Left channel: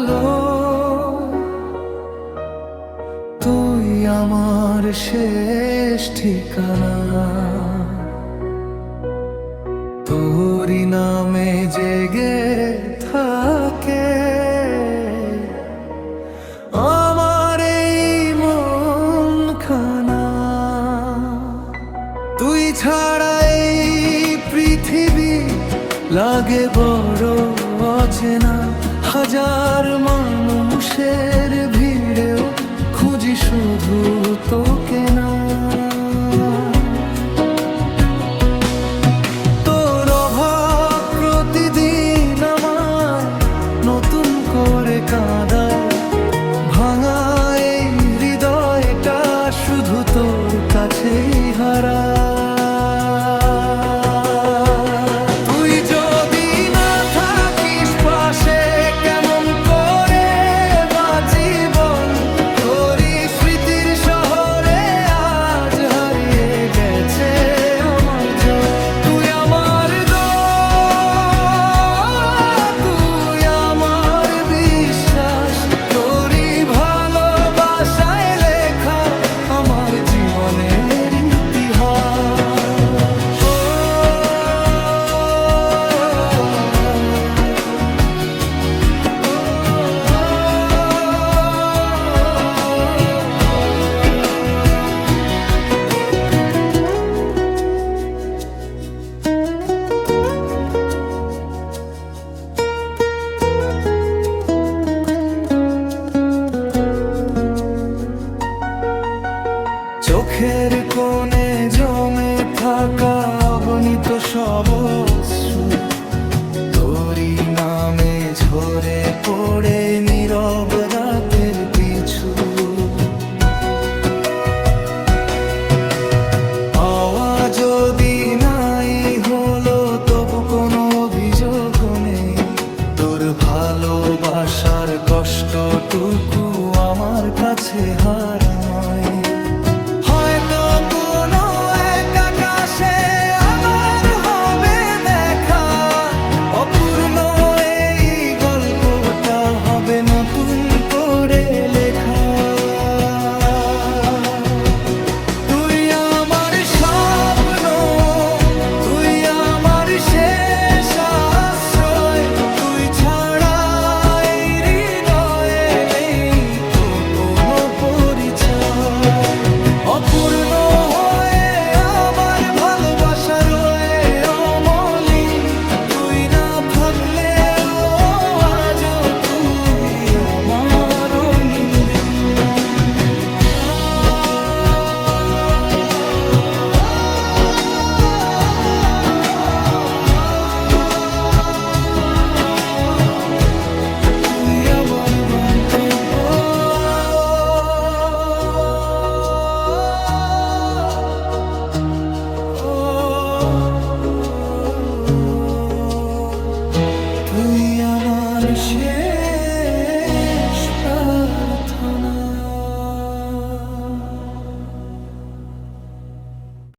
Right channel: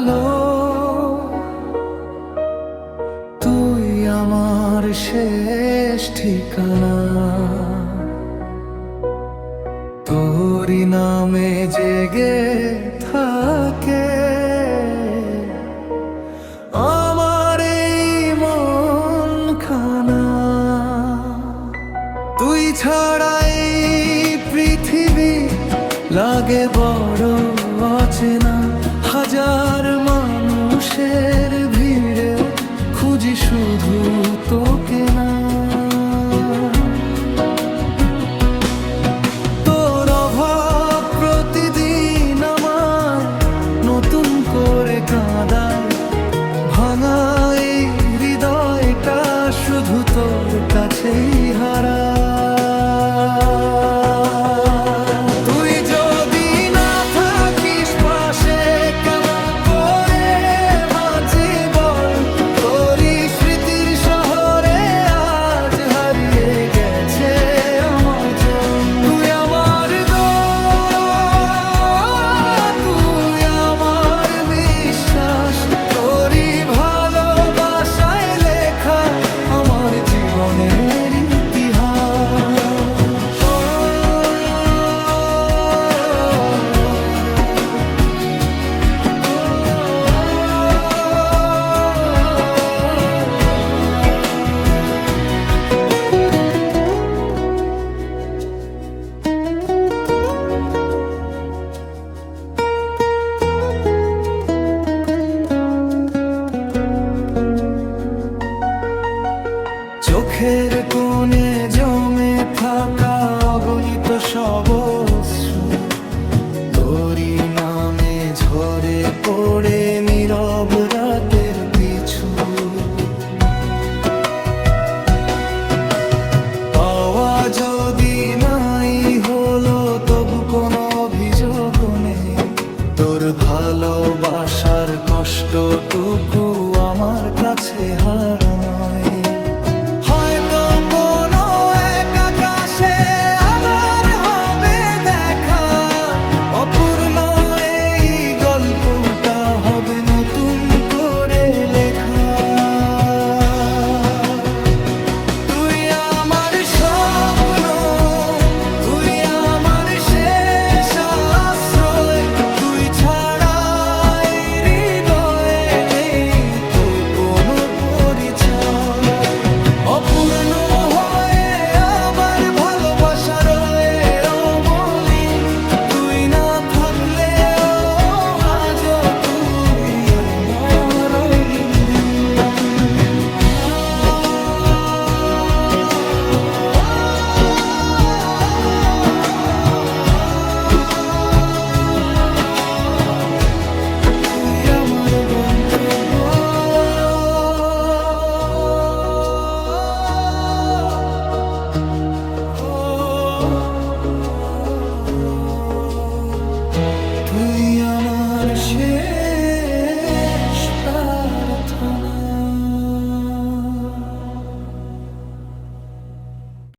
ভালো, তুই আমার শেষ ঠিকানা। তোরই নামে জেগে থাকে আমার এই মন খানা। তুই ছাড়া এই পৃথিবী লাগে বড় অচেনা। হাজার মানুষের ভিড়েও খুঁজি শুধু তোকে না। তোর অভাব প্রতিদিন আমায় নতুন করে কাঁদায়। ভাঙা এই হৃদয়টা শুধু তোর কাছেই হারায়। তুই যদি না থাকিস পাশে কেমন করে বাঁচি বল। তোরই স্মৃতির শহরে আজ হারিয়ে গেছে আমার জল। তুই আমার দোয়া, তুই আমার বিশ্বাস। তোরই ভালোবাসায় লেখা আমার জীবনের ইতিহাস। চোখের কোণে জমে থাকা অগণিত সব অশ্রু তোরই নামে ঝরে পড়ে নীরব রাতের পিছু। পাওয়া যদি নাই হলো তবু কোনো অভিযোগ নেই। তোর ভালোবাসার কষ্টটুকু আমার কাছে হার নয়। হয়তো কোনো এক আকাশে আবার হবে দেখা। অপূর্ণ এই গল্পটা হবে নতুন করে লেখা। তুই আমার স্বপ্ন, তুই আমার শেষ আশ্রয়। তুই ছাড়া এই হৃদয়ে নেই তো কোনো পরিচয়। অপূর্ণ হয়ে আবার ভালোবাসা রয়ে অমলিন। তুই না থাকলে আজও তুই আমার রঙিন দিন। তুই আমার গন্তব্য।